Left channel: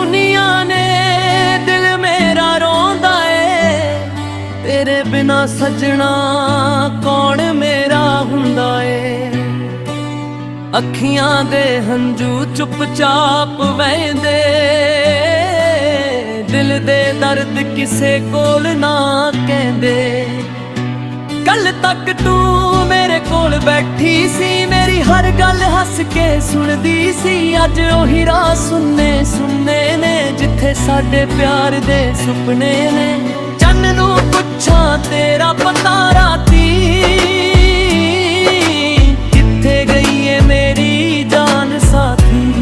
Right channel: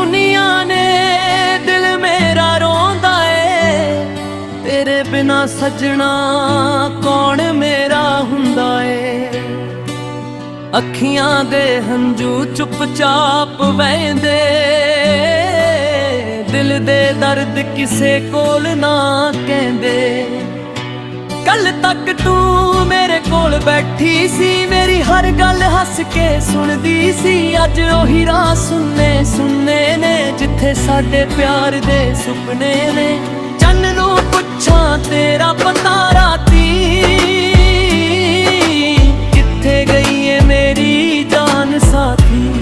ਸੁਨੀਆਂ ਨੇ ਦਿਲ ਮੇਰਾ ਰੋਂਦਾ ਏ, ਤੇਰੇ ਬਿਨਾ ਸਜਣਾ ਕੌਣ ਮੇਰਾ ਹੁੰਦਾ ਏ। ਅੱਖੀਆਂ ਦੇ ਹੰਝੂ ਚੁੱਪਚਾਪ ਵਹਿੰਦੇ, ਦਿਲ ਦੇ ਦਰਦ ਕਿਸੇ ਕੋਲ ਨਾ ਕਹਿੰਦੇ। ਕੱਲ ਤੱਕ ਤੂੰ ਮੇਰੇ ਕੋਲ ਬੈਠੀ ਸੀ, ਮੇਰੀ ਹਰ ਗੱਲ ਹੱਸ ਕੇ ਸੁਣਦੀ ਸੀ। ਅੱਜ ਉਹੀ ਰਾਹ ਸੁੰਨੇ ਸੁੰਨੇ ਨੇ, ਜਿੱਥੇ ਸਾਡੇ ਪਿਆਰ ਦੇ ਸੁਪਨੇ ਨੇ। ਚੰਨ ਨੂੰ ਪੁੱਛਾਂ ਤੇਰਾ ਪਤਾ ਰਾਤੀ, ਕਿੱਥੇ ਗਈ ਏ ਮੇਰੀ ਜਾਨ ਸਾਥੀ।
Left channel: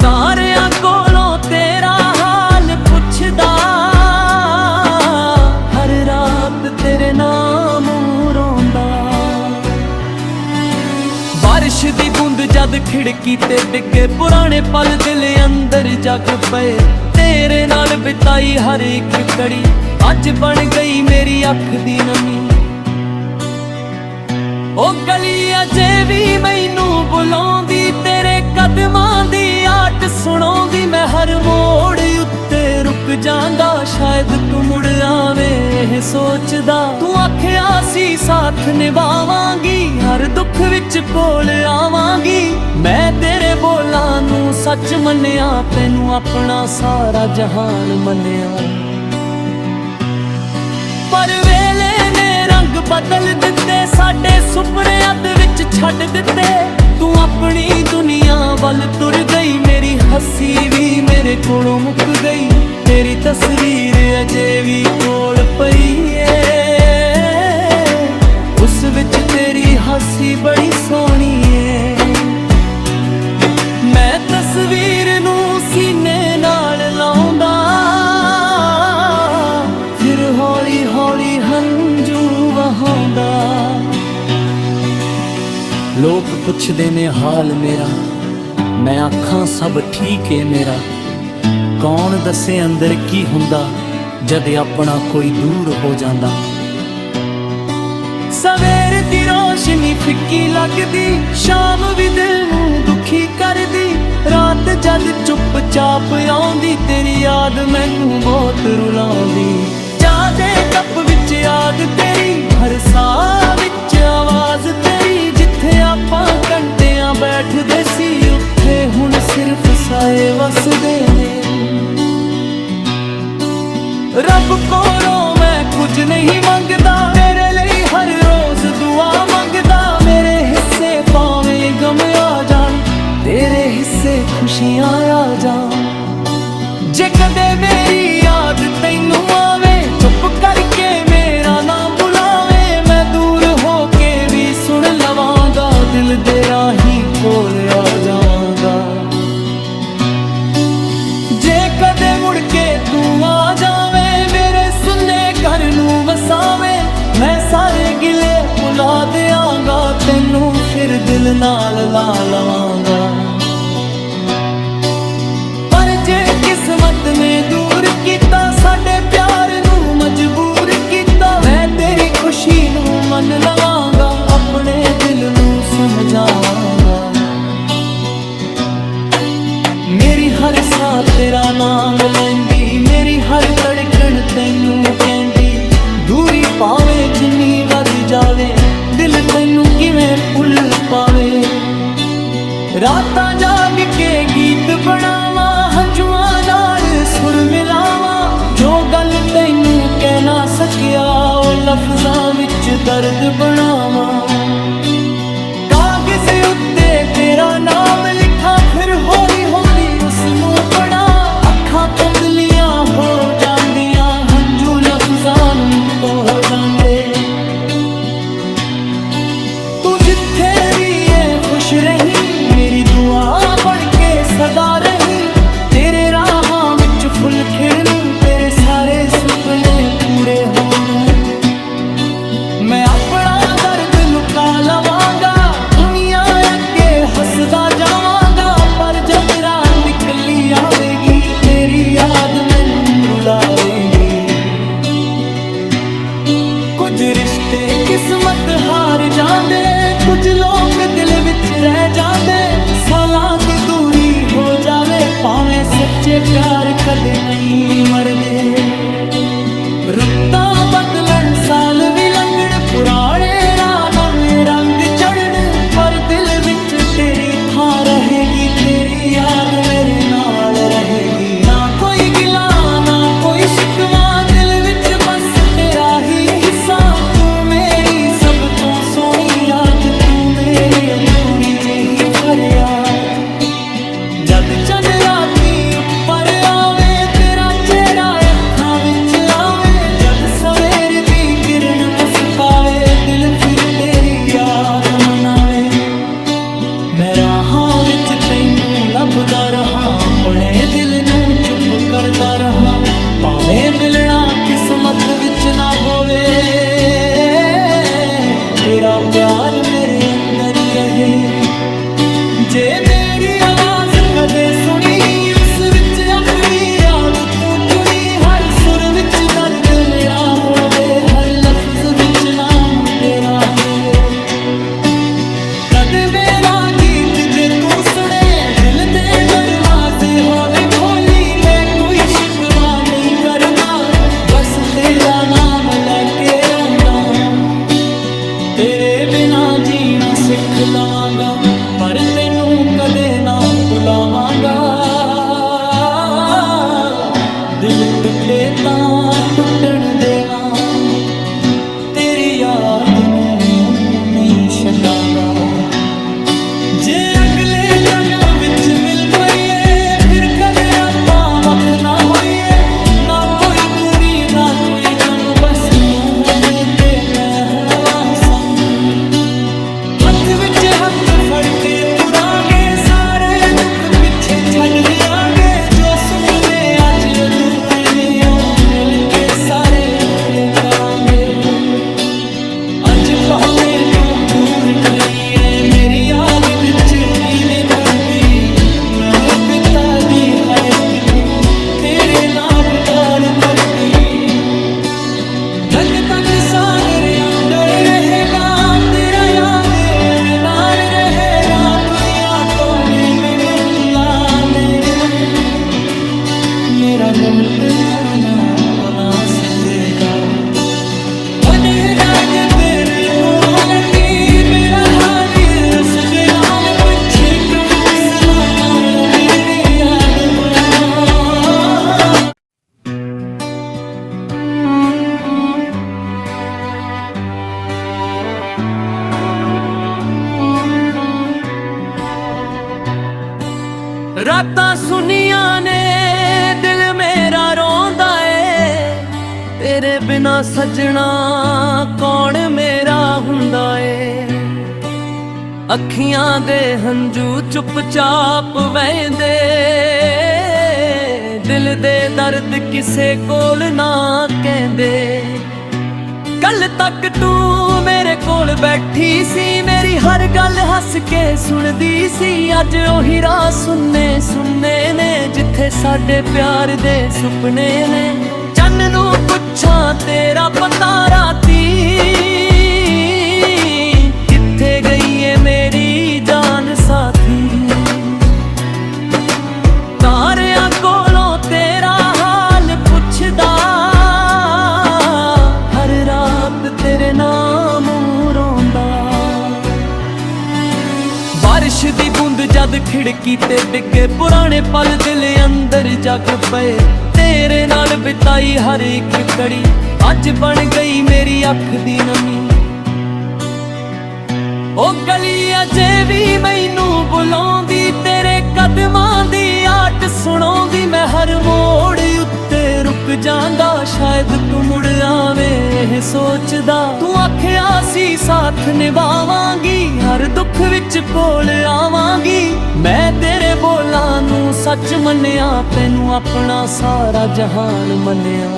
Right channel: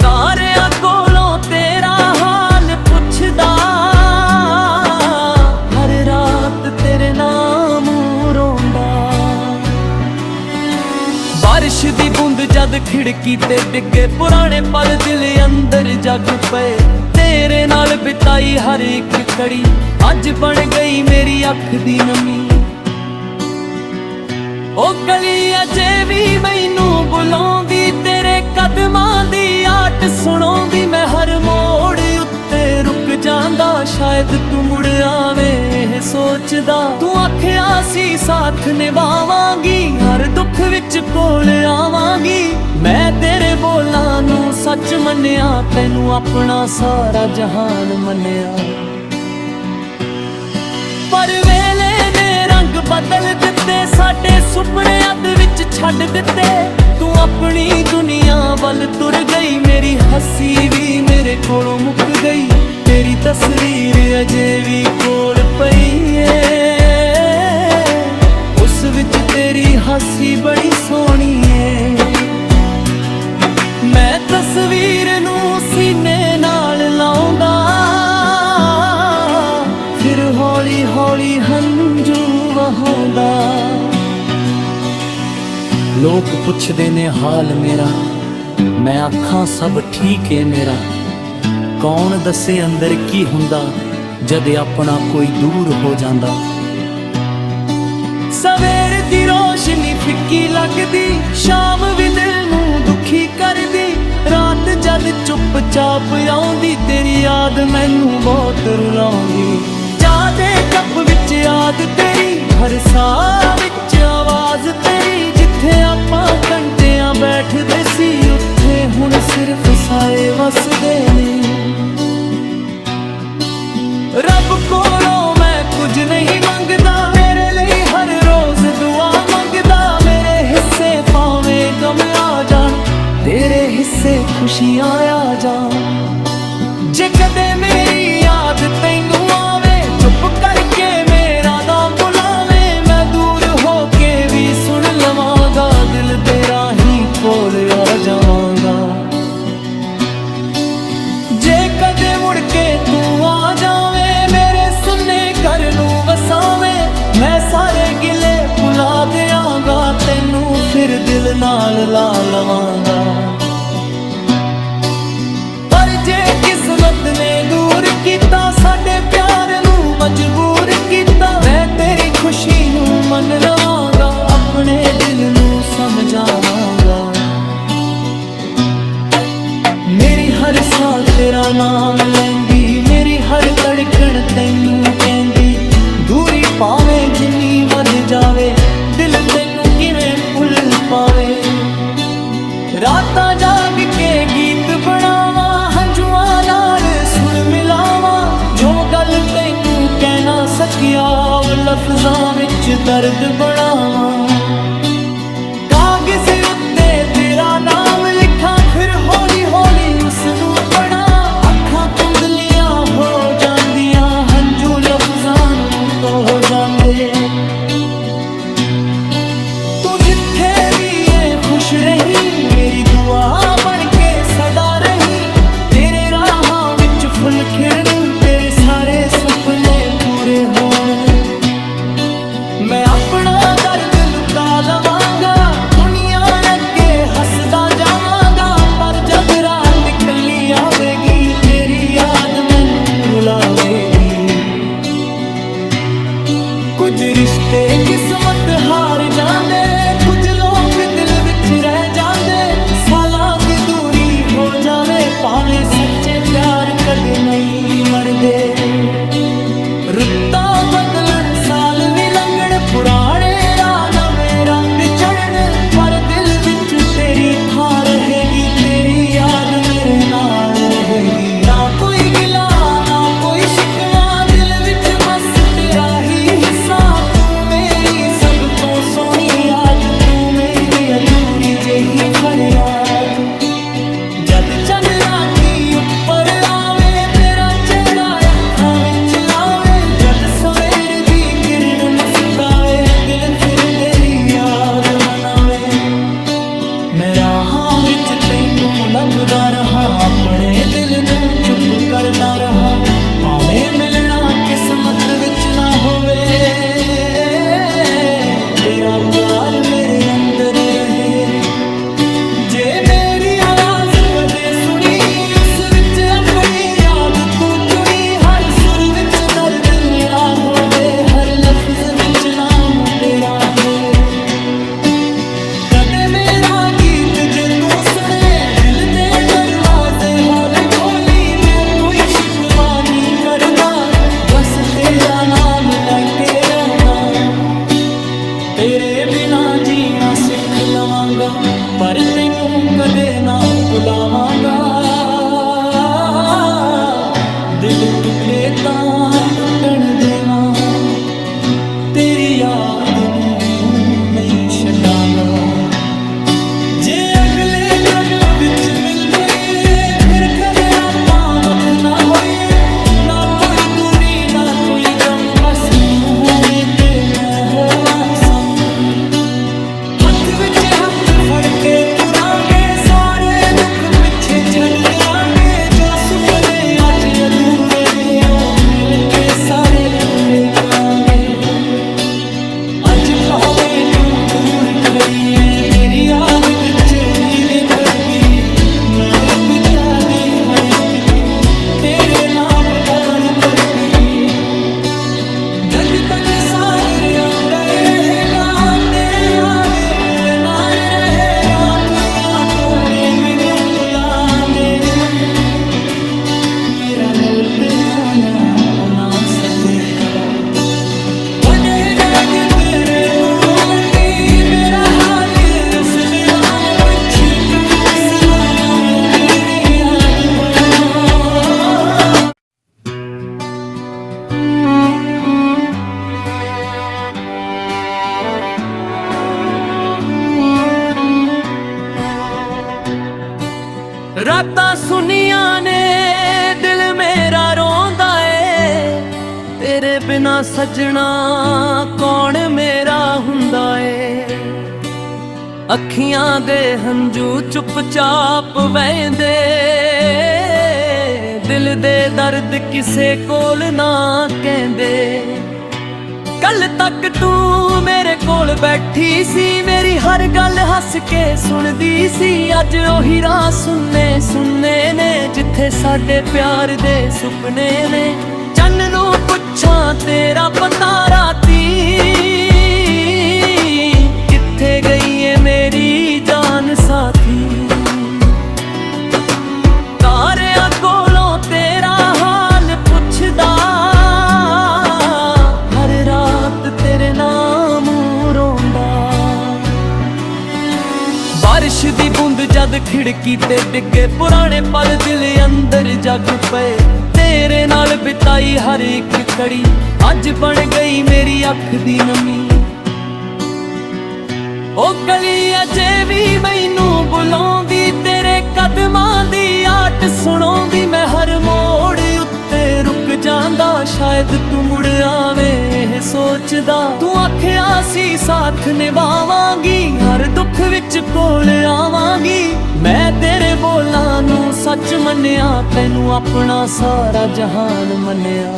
ਤਾਰਿਆਂ ਕੋਲੋਂ ਤੇਰਾ ਹਾਲ ਪੁੱਛਦਾ, ਤੇਰੇ ਨਾਮ ਰੋਂਦਾ। ਬਾਰਿਸ਼ ਦੀ ਬੂੰਦ ਜਦ ਖਿੜਕੀ ਤੇ ਡਿੱਗੇ, ਪੁਰਾਣੇ ਪਲ ਦਿਲ ਅੰਦਰ ਜਗ ਪਏ। ਤੇਰੇ ਨਾਲ ਬਿਤਾਈ ਹਰ ਇੱਕ ਘੜੀ ਅੱਜ ਬਣ ਗਈ ਮੇਰੀ ਅੱਖ ਦੀ ਨਮੀ। ਉਹ ਗਲੀ ਅਜੇ ਵੀ ਮੈਨੂੰ ਬੁਲਾਉਂਦੀ, ਤੇਰੇ ਕਦਮਾਂ ਦੀ ਆਟ ਸੁਣਾਉਂਦੀ। ਮੈਂ ਹਰ ਮੋੜ ਉੱਤੇ ਰੁਕ ਜਾਂਦਾ, ਸ਼ਾਇਦ ਤੂੰ ਮੁੜ ਆਵੇਂ ਇਹ ਸੋਚਦਾ। ਤੂੰ ਆਖਿਆ ਸੀ ਸਾਥ ਨਿਭਾਵਾਂਗੀ, ਹਰ ਦੁੱਖ ਵਿੱਚ ਕੋਲ ਆਵਾਂਗੀ। ਮੈਂ ਤੇਰੇ ਬੋਲਾਂ ਨੂੰ ਸੱਚ ਮੰਨਿਆ, ਤੈਨੂੰ ਆਪਣਾ ਸਾਰਾ ਜਹਾਨ ਮੰਨਿਆ। ਪਰ ਵੇਲੇ ਨੇ ਰੰਗ ਬਦਲ ਦਿੱਤੇ, ਸਾਡੇ ਸੁਪਨੇ ਅੱਧ ਵਿੱਚ ਛੱਡ ਦਿੱਤੇ। ਤੂੰ ਆਪਣੀ ਦੁਨੀਆ ਵੱਲ ਤੁਰ ਗਈ, ਮੇਰੀ ਹੱਸੀ ਵੀ ਮੇਰੇ ਕੋਲੋਂ ਮੁੱਕ ਗਈ। ਤੇਰੀ ਤਸਵੀਰ ਅਜੇ ਵੀ ਕੋਲ ਪਈ ਏ, ਉਸ ਵਿੱਚ ਤੇਰੀ ਹਾਸੀ ਬੜੀ ਸੋਹਣੀ ਏ। ਮੈਂ ਤਸਵੀਰ ਨੂੰ ਸੀਨੇ ਨਾਲ ਲਾਉਂਦਾ, ਫਿਰ ਹੌਲੀ ਹੌਲੀ ਹੰਝੂ ਵਹਾਉਂਦਾ। ਲੋਕ ਪੁੱਛਦੇ ਨੇ ਹਾਲ ਮੇਰਾ, ਮੈਂ ਆਖਾਂ ਸਭ ਠੀਕ ਏ ਮੇਰਾ। ਕੌਣ ਦੱਸੇ ਅੰਦਰ ਕੀ ਹੁੰਦਾ, ਜਦ ਆਪਣਾ ਕੋਈ ਦੂਰ ਹੋ ਜਾਂਦਾ। ਸਵੇਰ ਦੀ ਰੋਸ਼ਨੀ ਫਿੱਕੀ ਲੱਗਦੀ, ਸ਼ਾਮ ਵੀ ਦਿਲ ਨੂੰ ਦੁਖੀ ਕਰਦੀ। ਰਾਤ ਜਦ ਚੁੱਪਚਾਪ ਆਉਂਦੀ, ਤੇਰੀ ਯਾਦ ਮੈਨੂੰ ਬਹੁਤ ਰੁਲਾਉਂਦੀ। ਚਾਹ ਦੇ ਕੱਪ ਵਿੱਚ ਯਾਦ ਤੇਰੀ, ਹਰ ਸਾਹ ਵਿੱਚ ਆਵਾਜ਼ ਤੇਰੀ। ਜਿੱਥੇ ਆਪਾਂ ਘੰਟਿਆਂ ਬੈਠਦੇ ਸੀ, ਉੱਥੇ ਹੁਣ ਸਿਰਫ ਸਾਏ ਵਸਦੇ ਨੇ। ਰੱਬ ਕੋਲੋਂ ਮੈਂ ਕੁਝ ਨਹੀਂ ਮੰਗਦਾ, ਤੇਰੇ ਲਈ ਹਰ ਰੋਜ਼ ਦੁਆ ਮੰਗਦਾ। ਮੇਰੇ ਹਿੱਸੇ ਭਾਵੇਂ ਗਮ ਆ ਜਾਣ, ਤੇਰੇ ਹਿੱਸੇ ਖੁਸ਼ੀਆਂ ਆ ਜਾਣ। ਜੇ ਕਦੇ ਮੇਰੀ ਯਾਦ ਤੈਨੂੰ ਆਵੇ, ਚੁੱਪ ਕਰਕੇ ਮੇਰਾ ਨਾਮ ਬੁਲਾਵੇ। ਮੈਂ ਦੂਰ ਹੋ ਕੇ ਵੀ ਸੁਣ ਲਵਾਂਗਾ, ਦਿਲ ਦੇ ਰਾਹੀਂ ਕੋਲ ਆ ਜਾਵਾਂਗਾ। ਜੇ ਕਦੇ ਮੁੜ ਕੇ ਤੂੰ ਆ ਜਾਵੇਂ, ਮੇਰੇ ਸੁੰਨੇ ਘਰ ਨੂੰ ਵਸਾਵੇਂ। ਮੈਂ ਸਾਰੇ ਗਿਲੇ ਭੁਲਾ ਦਿਆਂਗਾ, ਤੈਨੂੰ ਫਿਰ ਦਿਲ ਨਾਲ ਲਾ ਲਵਾਂਗਾ। ਪਰ ਜੇ ਕਿਸਮਤ ਨੇ ਦੂਰ ਕੀਤਾ, ਸਾਡੇ ਪਿਆਰ ਨੂੰ ਮਜਬੂਰ ਕੀਤਾ। ਮੈਂ ਤੇਰੀ ਖੁਸ਼ੀ ਨੂੰ ਮੰਨ ਲਵਾਂਗਾ, ਆਪਣੇ ਦਿਲ ਨੂੰ ਸਮਝਾਵਾਂਗਾ। ਮੇਰੀ ਹਰ ਸਾਹ ਤੇਰਾ ਨਾਮ ਲੈਂਦੀ, ਮੇਰੀ ਹਰ ਧੜਕਣ ਤੈਨੂੰ ਕਹਿੰਦੀ। ਦੂਰੀ ਭਾਵੇਂ ਜਿੰਨੀ ਵੱਧ ਜਾਵੇ, ਦਿਲ ਤੈਨੂੰ ਕਿਵੇਂ ਭੁੱਲ ਪਾਵੇ। ਰਾਤਾਂ ਜਾਗ ਕੇ ਗੀਤ ਬਣਾਵਾਂ, ਹੰਝੂਆਂ ਨਾਲ ਸੁਰ ਮਿਲਾਵਾਂ। ਜੋ ਗੱਲ ਤੈਨੂੰ ਕਹਿ ਨਾ ਸਕਿਆ, ਉਹ ਲਫ਼ਜ਼ਾਂ ਵਿੱਚ ਦਰਦ ਬਣਾਵਾਂ। ਕਾਗਜ਼ ਉੱਤੇ ਤੇਰਾ ਨਾਮ ਲਿਖਾਂ, ਫਿਰ ਹੌਲੀ ਹੌਲੀ ਉਸਨੂੰ ਪੜਾਂ। ਅੱਖਾਂ ਧੁੰਦਲੀਆਂ ਹੋ ਜਾਂਦੀਆਂ, ਹੰਝੂ ਲਫ਼ਜ਼ਾਂ ਨੂੰ ਧੋ ਜਾਂਦੇ। ਤੂੰ ਜਿੱਥੇ ਵੀ ਏ ਖੁਸ਼ ਰਹੀਂ, ਮੇਰੀ ਦੁਆ ਬਣ ਕੇ ਸਦਾ ਰਹੀਂ। ਤੇਰੇ ਰਾਹਾਂ ਵਿੱਚ ਫੁੱਲ ਖਿੜਨ, ਤੇਰੇ ਸਾਰੇ ਸੁਪਨੇ ਪੂਰੇ ਹੋਣ। ਮੈਂ ਆਪਣਾ ਦਰਦ ਲੁਕਾ ਲਵਾਂਗਾ, ਦੁਨੀਆ ਅੱਗੇ ਹੱਸਦਾ ਜਾਵਾਂਗਾ। ਪਰ ਜਦ ਰਾਤ ਇਕੱਲੀ ਆਵੇਗੀ, ਤੇਰੀ ਯਾਦ ਮੈਨੂੰ ਰੁਲਾਵੇਗੀ। ਕੁਝ ਰਿਸ਼ਤੇ ਕਿਸਮਤ ਹਾਰ ਜਾਂਦੇ, ਕੁਝ ਲੋਕ ਦਿਲ ਵਿੱਚ ਰਹਿ ਜਾਂਦੇ। ਸਾਲਾਂ ਦੀ ਦੂਰੀ ਹੋ ਜਾਵੇ ਭਾਵੇਂ ਸੱਚੇ ਪਿਆਰ ਕਦੇ ਨਹੀਂ ਮਰਦੇ। ਰੁੱਤਾਂ ਬਦਲਣ ਸਾਲ ਵੀ ਲੰਘਣ, ਪੁਰਾਣੇ ਰਾਹ ਨਵੇਂ ਰੰਗ ਚੜ੍ਹਨ, ਪਰ ਦਿਲ ਵਿੱਚ ਤੇਰੀ ਥਾਂ ਰਹੇਗੀ, ਤੇਰੀ ਯਾਦ ਮੇਰੇ ਨਾਲ ਰਹੇਗੀ। ਨਾ ਕੋਈ ਗਿਲਾ ਨਾ ਕੋਈ ਸ਼ਿਕਵਾ, ਦਿਲ ਵਿੱਚ ਬਸ ਤੇਰਾ ਹੀ ਹਿੱਸਾ। ਤੂੰ ਮੇਰੀ ਸਭ ਤੋਂ ਸੋਹਣੀ ਯਾਦ, ਤੂੰ ਮੇਰੀ ਅਧੂਰੀ ਜਿਹੀ ਫਰਿਆਦ। ਜਦ ਚੰਨ ਰਾਤੀ ਉੱਪਰ ਆਵੇ, ਤੇਰਾ ਚਿਹਰਾ ਅੱਖਾਂ ਵਿੱਚ ਆਵੇ, ਜਦ ਸਵੇਰ ਦੀ ਕਿਰਨ ਮੁਸਕਾਵੇ, ਦਿਲ ਫਿਰ ਤੇਰੀ ਯਾਦ ਮਨਾਵੇ। ਮੈਂ ਰਾਹਾਂ ਵਿੱਚ ਤੈਨੂੰ ਲੱਭਦਾ ਰਹਾਂ, ਆਪਣੇ ਦਿਲ ਨੂੰ ਚੁੱਪ ਕਰਦਾ ਰਹਾਂ। ਭਾਵੇਂ ਮਿਲਣਾ ਕਿਸਮਤ ਵਿੱਚ ਨਾ ਹੋਵੇ, ਤੇਰਾ ਪਿਆਰ ਮੇਰੇ ਅੰਦਰ ਰਹੇ। ਜੇ ਮੇਰੀ ਆਵਾਜ਼ ਕਦੇ ਸੁਣੀ, ਉਸ ਵਿੱਚ ਆਪਣੀ ਯਾਦ ਤੂੰ ਚੁਣੀ। ਹਰ ਸੁਰ ਵਿੱਚ ਦਰਦ ਮੇਰਾ ਹੋਵੇ, ਹਰ ਲਫ਼ਜ਼ ਵਿੱਚ ਨਾਮ ਤੇਰਾ ਹੋਵੇ। ਕਦੇ ਮੇਰਾ ਗੀਤ ਜੇ ਤੂੰ ਸੁਣੇ, ਦਿਲ ਦੇ ਦਰਵਾਜ਼ੇ ਹੌਲੇ ਖੋਲੀ। ਮੈਂ ਕੋਈ ਸ਼ਿਕਵਾ ਨਹੀਂ ਕਰਦਾ, ਬਸ ਤੇਰਾ ਨਾਮ ਲੈ ਕੇ ਰੋਂਦਾ। ਤੇਰੇ ਬਿਨਾ ਜੀਣਾ ਸਿੱਖ ਲਵਾਂਗਾ, ਪਰ ਤੈਨੂੰ ਕਦੇ ਨਾ ਭੁਲਾਵਾਂਗਾ। ਦਿਲ ਟੁੱਟੇ ਤਾਂ ਟੁੱਟਣ ਦੇਵਾਂ, ਤੇਰੀ ਯਾਦ ਨੂੰ ਨਹੀਂ ਛੱਡਾਂਗਾ। ਜੇ ਅਗਲੇ ਜਨਮ ਵਿੱਚ ਮਿਲ ਪਈਏ, ਫਿਰ ਕਦੇ ਆਪਾਂ ਵੱਖ ਨਾ ਹੋਈਏ। ਨਾ ਕੋਈ ਦੂਰੀ ਨਾ ਕੋਈ ਗਮ, ਬਸ ਤੂੰ ਹੋਵੇਂ ਤੇ ਮੈਂ ਹੋਵਾਂ ਸੰਗ। ਹੱਥ ਵਿੱਚ ਹੱਥ ਫੜ ਕੇ ਤੁਰਾਂਗੇ, ਸਾਰੇ ਦੁੱਖ ਪਿੱਛੇ ਛੱਡ ਦਿਆਂਗੇ। ਜੋ ਸੁਪਨੇ ਅੱਜ ਅਧੂਰੇ ਨੇ, ਉਹ ਮਿਲ ਕੇ ਸਾਰੇ ਪੂਰੇ ਕਰਾਂਗੇ। ਅੱਜ ਭਾਵੇਂ ਤੂੰ ਦੂਰ ਖੜੀ ਏ, ਮੇਰੀ ਯਾਦ ਵਿੱਚ ਰੀਦੀ ਖੜਦੀ। ਨਾਲ ਪਿਤਾ ਦੀ ਹਰ ਤਿਥੀ ਤੇਰੇ ਨਾਮ ਬਾਰ ਕਰਦੀ। ਜਦ ਤੱਕ ਸਾਹ ਮੇਰੇ ਅੰਦਰ ਰਹੇਗਾ, ਤੇਰਾ ਯਾਦ ਨਾਲ ਰਹੇ। ਰਾਤ ਦੁਨੀਆ ਤੋਰੇ ਮੈਨੂੰ ਭੁਲਾਉਂਦੇ ਰੇ, ਮੇਰਾ ਦਿਲ ਤੇ ਨਾ ਭੁਲਾ ਸਕੇਗਾ। ਵਧੇਗਾ ਜੇ ਤੇਰੇ ਕੋਲੋਂ ਲੰਡੀ, ਮੇਰਾ ਹਾਲ ਉਸ ਦੇ ਨਾਲ ਕੁਛ ਕਈ ਕਿਸ ਨਾਲ ਦਿਲ ਦੀ ਯਾਦ ਹੋ। ਰਾਤਾਂ ਸੁਨੀਆਂ ਨੇ ਦਿਲ ਮੇਰਾ ਰੋਂਦਾ ਏ, ਤੇਰੇ ਬਿਨਾ ਸਜਣਾ ਕੌਣ ਮੇਰਾ ਹੁੰਦਾ ਏ। ਅੱਖੀਆਂ ਦੇ ਹੰਝੂ ਚੁੱਪਚਾਪ ਵਹਿੰਦੇ, ਦਿਲ ਦੇ ਦਰਦ ਕਿਸੇ ਕੋਲ ਨਾ ਕਹਿੰਦੇ। ਕੱਲ ਤੱਕ ਤੂੰ ਮੇਰੇ ਕੋਲ ਬੈਠੀ ਸੀ, ਮੇਰੀ ਹਰ ਗੱਲ ਹੱਸ ਕੇ ਸੁਣਦੀ ਸੀ। ਅੱਜ ਉਹੀ ਰਾਹ ਸੁੰਨੇ ਸੁੰਨੇ ਨੇ, ਜਿੱਥੇ ਸਾਡੇ ਪਿਆਰ ਦੇ ਸੁਪਨੇ ਨੇ। ਚੰਨ ਨੂੰ ਪੁੱਛਾਂ ਤੇਰਾ ਪਤਾ ਰਾਤੀ, ਕਿੱਥੇ ਗਈ ਏ ਮੇਰੀ ਜਾਨ ਸਾਥੀ। ਤਾਰਿਆਂ ਕੋਲੋਂ ਤੇਰਾ ਹਾਲ ਪੁੱਛਦਾ, ਤੇਰੇ ਨਾਮ ਰੋਂਦਾ। ਬਾਰਿਸ਼ ਦੀ ਬੂੰਦ ਜਦ ਖਿੜਕੀ ਤੇ ਡਿੱਗੇ, ਪੁਰਾਣੇ ਪਲ ਦਿਲ ਅੰਦਰ ਜਗ ਪਏ। ਤੇਰੇ ਨਾਲ ਬਿਤਾਈ ਹਰ ਇੱਕ ਘੜੀ, ਅੱਜ ਬਣ ਗਈ ਮੇਰੀ ਅੱਖ ਦੀ ਨਮੀ। ਉਹ ਗਲੀ ਅਜੇ ਵੀ ਮੈਨੂੰ ਬੁਲਾਉਂਦੀ, ਤੇਰੇ ਕਦਮਾਂ ਦੀ ਆਟ ਸੁਣਾਉਂਦੀ। ਮੈਂ ਹਰ ਮੋੜ ਉੱਤੇ ਰੁਕ ਜਾਂਦਾ, ਸ਼ਾਇਦ ਤੂੰ ਮੁੜ ਆਵੇਂ ਇਹ ਸੋਚਦਾ। ਤੂੰ ਆਖਿਆ ਸੀ ਸਾਥ ਨਿਭਾਵਾਂਗੀ, ਹਰ ਦੁੱਖ ਵਿੱਚ ਕੋਲ ਆਵਾਂਗੀ। ਮੈਂ ਤੇਰੇ ਬੋਲਾਂ ਨੂੰ ਸੱਚ ਮੰਨਿਆ, ਤੈਨੂੰ ਆਪਣਾ ਸਾਰਾ ਜਹਾਨ ਮੰਨਿਆ।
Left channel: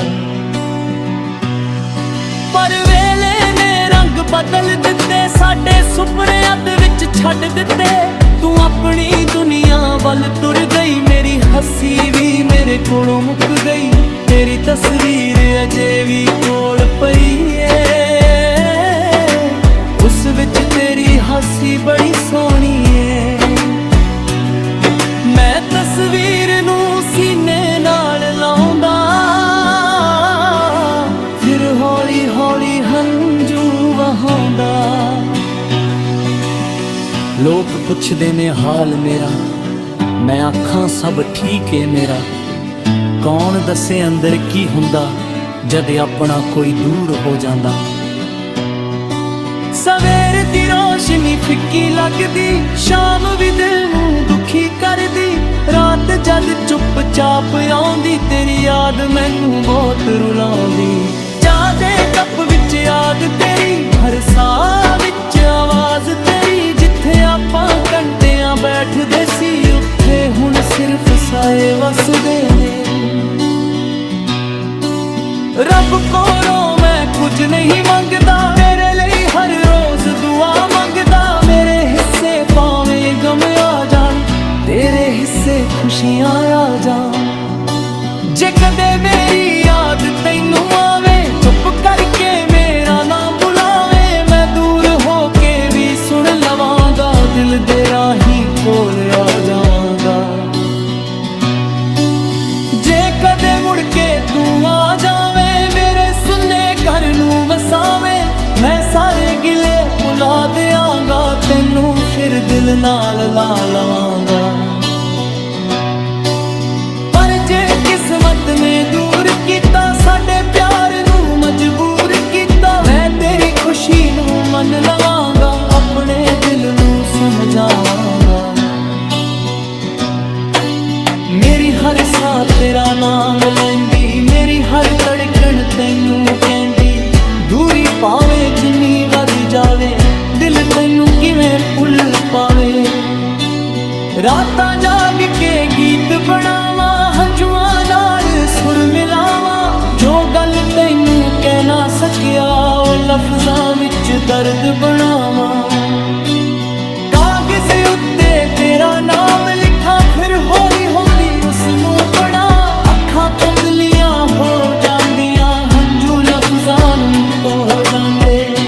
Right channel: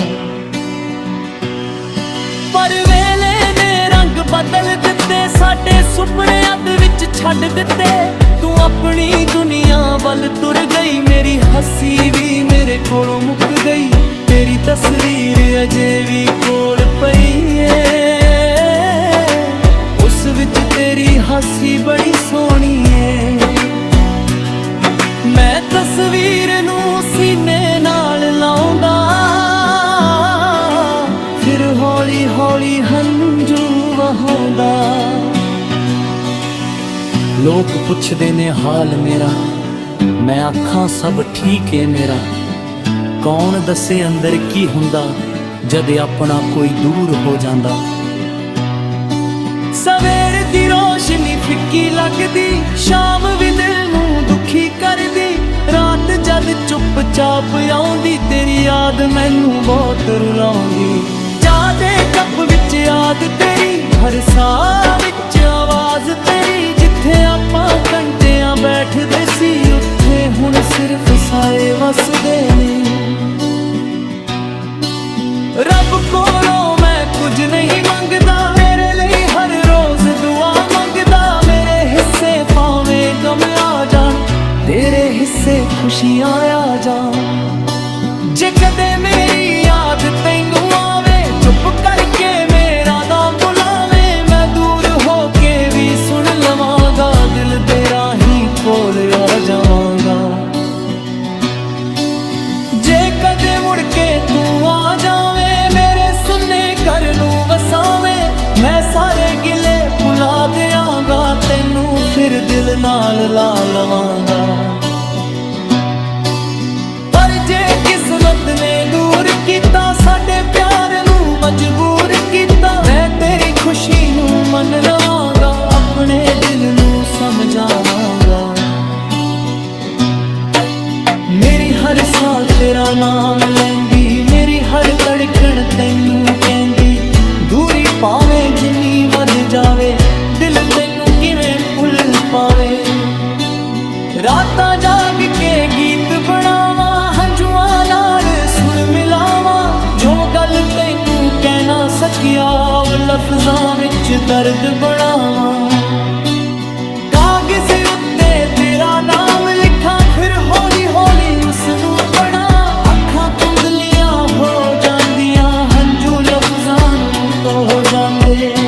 ਪਰ ਵੇਲੇ ਨੇ ਰੰਗ ਬਦਲ ਦਿੱਤੇ, ਸਾਡੇ ਸੁਪਨੇ ਅੱਧ ਵਿੱਚ ਛੱਡ ਦਿੱਤੇ। ਤੂੰ ਆਪਣੀ ਦੁਨੀਆ ਵੱਲ ਤੁਰ ਗਈ, ਮੇਰੀ ਹੱਸੀ ਵੀ ਮੇਰੇ ਕੋਲੋਂ ਮੁੱਕ ਗਈ। ਤੇਰੀ ਤਸਵੀਰ ਅਜੇ ਵੀ ਕੋਲ ਪਈ ਏ, ਉਸ ਵਿੱਚ ਤੇਰੀ ਹਾਸੀ ਬੜੀ ਸੋਹਣੀ ਏ। ਮੈਂ ਤਸਵੀਰ ਨੂੰ ਸੀਨੇ ਨਾਲ ਲਾਉਂਦਾ, ਫਿਰ ਹੌਲੀ ਹੌਲੀ ਹੰਝੂ ਵਹਾਉਂਦਾ। ਲੋਕ ਪੁੱਛਦੇ ਨੇ ਹਾਲ ਮੇਰਾ, ਮੈਂ ਆਖਾਂ ਸਭ ਠੀਕ ਏ ਮੇਰਾ। ਕੌਣ ਦੱਸੇ ਅੰਦਰ ਕੀ ਹੁੰਦਾ ਜਦ ਆਪਣਾ ਕੋਈ ਦੂਰ ਹੋ ਜਾਂਦਾ। ਸਵੇਰ ਦੀ ਰੋਸ਼ਨੀ ਫਿੱਕੀ ਲੱਗਦੀ, ਸ਼ਾਮ ਵੀ ਦਿਲ ਨੂੰ ਦੁਖੀ ਕਰਦੀ। ਰਾਤ ਜਦ ਚੁੱਪਚਾਪ ਆਉਂਦੀ, ਤੇਰੀ ਯਾਦ ਮੈਨੂੰ ਬਹੁਤ ਰੁਲਾਉਂਦੀ। ਚਾਹ ਦੇ ਕੱਪ ਵਿੱਚ ਯਾਦ ਤੇਰੀ, ਹਰ ਸਾਹ ਵਿੱਚ ਆਵਾਜ਼ ਤੇਰੀ। ਜਿੱਥੇ ਆਪਾਂ ਘੰਟਿਆਂ ਬੈਠਦੇ ਸੀ, ਉੱਥੇ ਹੁਣ ਸਿਰਫ ਸਾਏ ਵਸਦੇ ਨੇ। ਰੱਬ ਕੋਲੋਂ ਮੈਂ ਕੁਝ ਨਹੀਂ ਮੰਗਦਾ, ਤੇਰੇ ਲਈ ਹਰ ਰੋਜ਼ ਦੁਆ ਮੰਗਦਾ। ਮੇਰੇ ਹਿੱਸੇ ਭਾਵੇਂ ਗਮ ਆ ਜਾਣ, ਤੇਰੇ ਹਿੱਸੇ ਖੁਸ਼ੀਆਂ ਆ ਜਾਣ। ਜੇ ਕਦੇ ਮੇਰੀ ਯਾਦ ਤੈਨੂੰ ਆਵੇ, ਚੁੱਪ ਕਰਕੇ ਮੇਰਾ ਨਾਮ ਬੁਲਾਵੇ। ਮੈਂ ਦੂਰ ਹੋ ਕੇ ਵੀ ਸੁਣ ਲਵਾਂਗਾ, ਦਿਲ ਦੇ ਰਾਹੀਂ ਕੋਲ ਆ ਜਾਵਾਂਗਾ। ਜੇ ਕਦੇ ਮੁੜ ਕੇ ਤੂੰ ਆ ਜਾਵੇਂ, ਮੇਰੇ ਸੁੰਨੇ ਘਰ ਨੂੰ ਵਸਾਵੇਂ। ਮੈਂ ਸਾਰੇ ਗਿਲੇ ਭੁਲਾ ਦਿਆਂਗਾ, ਤੈਨੂੰ ਫਿਰ ਦਿਲ ਨਾਲ ਲਾ ਲਵਾਂਗਾ। ਪਰ ਜੇ ਕਿਸਮਤ ਨੇ ਦੂਰ ਕੀਤਾ, ਸਾਡੇ ਪਿਆਰ ਨੂੰ ਮਜਬੂਰ ਕੀਤਾ। ਮੈਂ ਤੇਰੀ ਖੁਸ਼ੀ ਨੂੰ ਮੰਨ ਲਵਾਂਗਾ, ਆਪਣੇ ਦਿਲ ਨੂੰ ਸਮਝਾਵਾਂਗਾ। ਮੇਰੀ ਹਰ ਸਾਹ ਤੇਰਾ ਨਾਮ ਲੈਂਦੀ, ਮੇਰੀ ਹਰ ਧੜਕਣ ਤੈਨੂੰ ਕਹਿੰਦੀ। ਦੂਰੀ ਭਾਵੇਂ ਜਿੰਨੀ ਵੱਧ ਜਾਵੇ, ਦਿਲ ਤੈਨੂੰ ਕਿਵੇਂ ਭੁੱਲ ਪਾਵੇ। ਰਾਤਾਂ ਜਾਗ ਕੇ ਗੀਤ ਬਣਾਵਾਂ, ਹੰਝੂਆਂ ਨਾਲ ਸੁਰ ਮਿਲਾਵਾਂ। ਜੋ ਗੱਲ ਤੈਨੂੰ ਕਹਿ ਨਾ ਸਕਿਆ, ਉਹ ਲਫ਼ਜ਼ਾਂ ਵਿੱਚ ਦਰਦ ਬਣਾਵਾਂ। ਕਾਗਜ਼ ਉੱਤੇ ਤੇਰਾ ਨਾਮ ਲਿਖਾਂ, ਫਿਰ ਹੌਲੀ ਹੌਲੀ ਉਸ ਨੂੰ ਪੜਾਂ। ਅੱਖਾਂ ਧੁੰਦਲੀਆਂ ਹੋ ਜਾਂਦੀਆਂ, ਹੰਝੂ ਲਫ਼ਜ਼ਾਂ ਨੂੰ ਧੋ ਜਾਂਦੇ।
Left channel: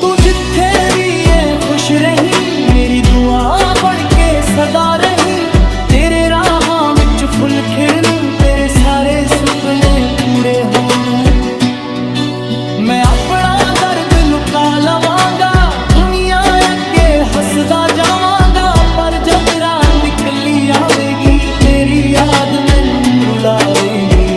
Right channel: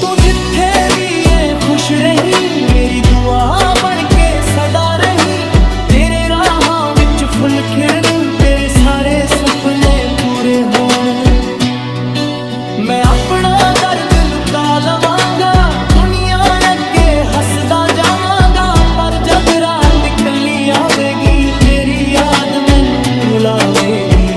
ਤੂੰ ਜਿੱਥੇ ਵੀ ਏ ਖੁਸ਼ ਰਹੀਂ, ਮੇਰੀ ਦੁਆ ਬਣ ਕੇ ਸਦਾ ਰਹੀਂ। ਤੇਰੇ ਰਾਹਾਂ ਵਿੱਚ ਫੁੱਲ ਖਿੜਨ, ਤੇਰੇ ਸਾਰੇ ਸੁਪਨੇ ਪੂਰੇ ਹੋਣ। ਮੈਂ ਆਪਣਾ ਦਰਦ ਲੁਕਾ ਲਵਾਂਗਾ, ਦੁਨੀਆ ਅੱਗੇ ਹੱਸਦਾ ਜਾਵਾਂਗਾ। ਪਰ ਜਦ ਰਾਤ ਇਕੱਲੀ ਆਵੇਗੀ, ਤੇਰੀ ਯਾਦ ਮੈਨੂੰ ਰੁਲਾਵੇਗੀ।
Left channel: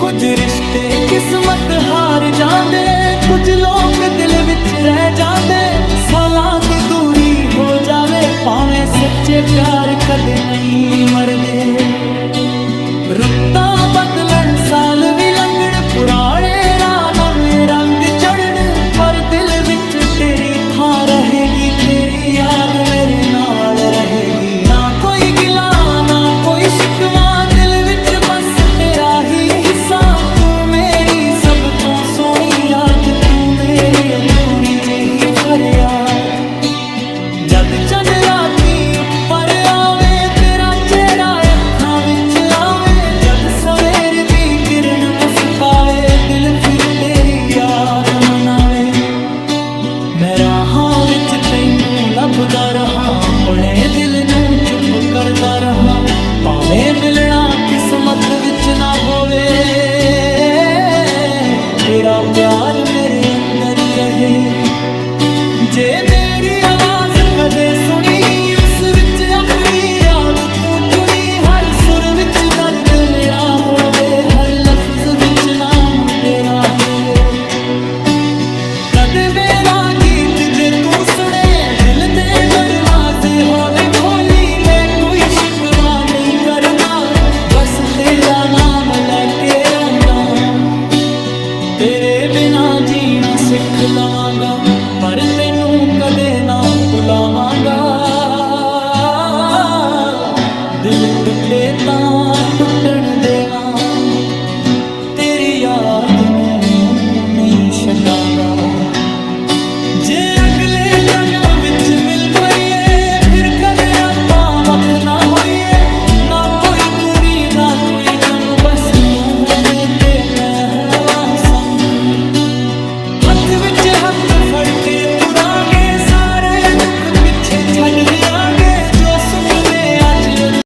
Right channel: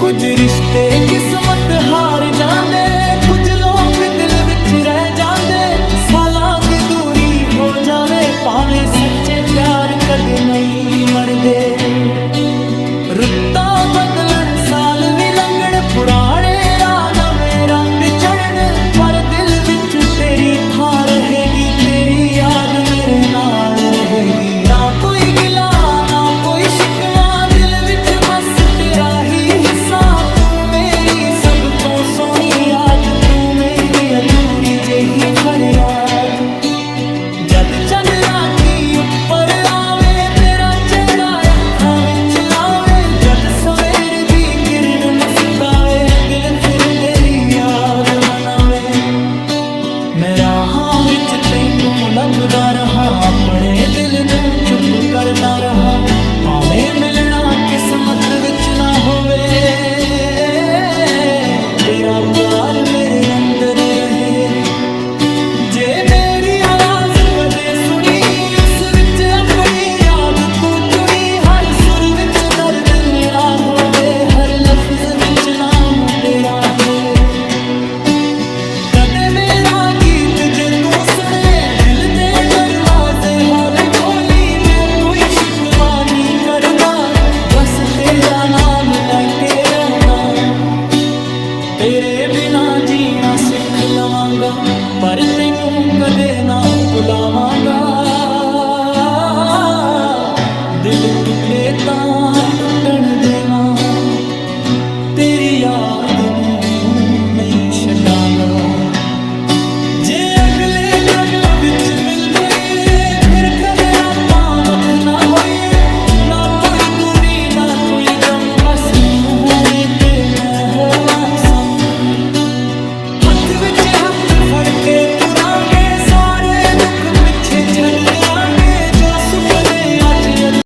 ਕੁਝ ਰਿਸ਼ਤੇ ਕਿਸਮਤ ਹਾਰ ਜਾਂਦੇ, ਕੁਝ ਲੋਕ ਦਿਲ ਵਿੱਚ ਰਹਿ ਜਾਂਦੇ। ਸਾਲਾਂ ਦੀ ਦੂਰੀ ਹੋ ਜਾਵੇ, ਭਾਵੇਂ ਸੱਚੇ ਪਿਆਰ ਕਦੇ ਨਹੀਂ ਮਰਦੇ। ਰੁੱਤਾਂ ਬਦਲਣ, ਸਾਲ ਵੀ ਲੰਘਣ, ਪੁਰਾਣੇ ਰਾਹ ਨਵੇਂ ਰੰਗ ਚੜ੍ਹਨ। ਪਰ ਦਿਲ ਵਿੱਚ ਤੇਰੀ ਥਾਂ ਰਹੇਗੀ, ਤੇਰੀ ਯਾਦ ਮੇਰੇ ਨਾਲ ਰਹੇਗੀ। ਨਾ ਕੋਈ ਗਿਲਾ ਨਾ ਕੋਈ ਸ਼ਿਕਵਾ, ਦਿਲ ਵਿੱਚ ਬਸ ਤੇਰਾ ਹੀ ਹਿੱਸਾ। ਤੂੰ ਮੇਰੀ ਸਭ ਤੋਂ ਸੋਹਣੀ ਯਾਦ, ਤੂੰ ਮੇਰੀ ਅਧੂਰੀ ਜਿਹੀ ਫਰਿਆਦ। ਜਦ ਚੰਨ ਰਾਤੀ ਉੱਪਰ ਆਵੇ, ਤੇਰਾ ਚਿਹਰਾ ਅੱਖਾਂ ਵਿੱਚ ਆਵੇ। ਜਦ ਸਵੇਰ ਦੀ ਕਿਰਨ ਮੁਸਕਾਵੇ, ਦਿਲ ਫਿਰ ਤੇਰੀ ਯਾਦ ਮਨਾਵੇ। ਮੈਂ ਰਾਹਾਂ ਵਿੱਚ ਤੈਨੂੰ ਲੱਭਦਾ ਰਹਾਂ, ਆਪਣੇ ਦਿਲ ਨੂੰ ਚੁੱਪ ਕਰਦਾ ਰਹਾਂ। ਭਾਵੇਂ ਮਿਲਣਾ ਕਿਸਮਤ ਵਿੱਚ ਨਾ ਹੋਵੇ, ਤੇਰਾ ਪਿਆਰ ਮੇਰੇ ਅੰਦਰ ਰਹੇ। ਜੇ ਮੇਰੀ ਆਵਾਜ਼ ਕਦੇ ਸੁਣੀ, ਉਸ ਵਿੱਚ ਆਪਣੀ ਯਾਦ ਤੂੰ ਚੁਣੀ। ਹਰ ਸੁਰ ਵਿੱਚ ਦਰਦ ਮੇਰਾ ਹੋਵੇ, ਹਰ ਲਫ਼ਜ਼ ਵਿੱਚ ਨਾਮ ਤੇਰਾ ਹੋਵੇ। ਕਦੇ ਮੇਰਾ ਗੀਤ ਜੇ ਤੂੰ ਸੁਣੇ, ਦਿਲ ਦੇ ਦਰਵਾਜ਼ੇ ਹੌਲੇ ਖੋਲੀ। ਮੈਂ ਕੋਈ ਸ਼ਿਕਵਾ ਨਹੀਂ ਕਰਦਾ, ਬਸ ਤੇਰਾ ਨਾਮ ਲੈ ਕੇ ਰੋਂਦਾ। ਤੇਰੇ ਬਿਨਾ ਜੀਣਾ ਸਿੱਖ ਲਵਾਂਗਾ, ਪਰ ਤੈਨੂੰ ਕਦੇ ਨਾ ਭੁਲਾਵਾਂਗਾ। ਦਿਲ ਟੁੱਟੇ ਤਾਂ ਟੁੱਟਣ ਦੇਵਾਂ, ਤੇਰੀ ਯਾਦ ਨੂੰ ਨਹੀਂ ਛੱਡਾਂਗਾ। ਜੇ ਅਗਲੇ ਜਨਮ ਵਿੱਚ ਮਿਲ ਪਈਏ, ਫਿਰ ਕਦੇ ਆਪਾਂ ਵੱਖ ਨਾ ਹੋਈਏ। ਨਾ ਕੋਈ ਦੂਰੀ ਨਾ ਕੋਈ ਗਮ, ਬਸ ਤੂੰ ਹੋਵੇਂ ਤੇ ਮੈਂ ਹੋਵਾਂ ਸੰਗ। ਹੱਥ ਵਿੱਚ ਹੱਥ ਫੜ ਕੇ ਤੁਰਾਂਗੇ, ਸਾਰੇ ਦੁੱਖ ਪਿੱਛੇ ਛੱਡ ਦਿਆਂਗੇ, ਜੋ ਸੁਪਨੇ ਅੱਜ